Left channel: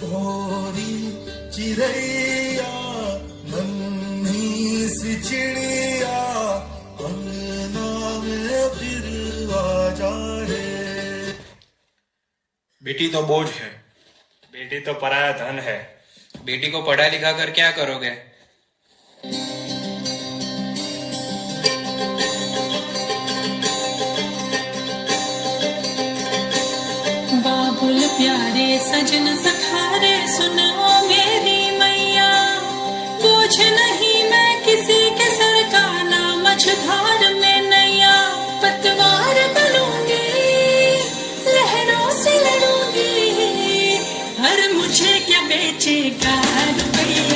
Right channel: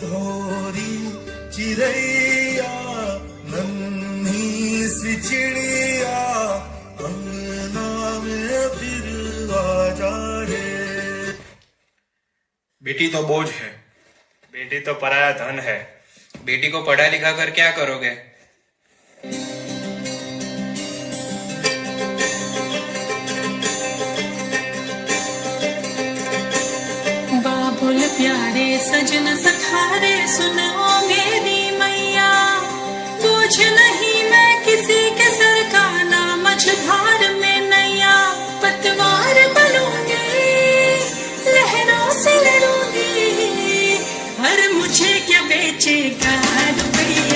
भोरी चिड़ैया नन्ही सी चिड़िया अंगना में फिर आ जाए। बेटी तो बोझ है, बेटी तो पराया धन है। बेटी को पढ़ा लिखा कर क्या करोगे? बाबुल प्यारे सजन सखारे सुनो मेरी मैया, बोझ नहीं मैं किसी के सर का, ना मझधार में नैया। पतवार बनूंगी लहरों से लड़ूंगी, पर मुझे क्या बेचेगा रुपया।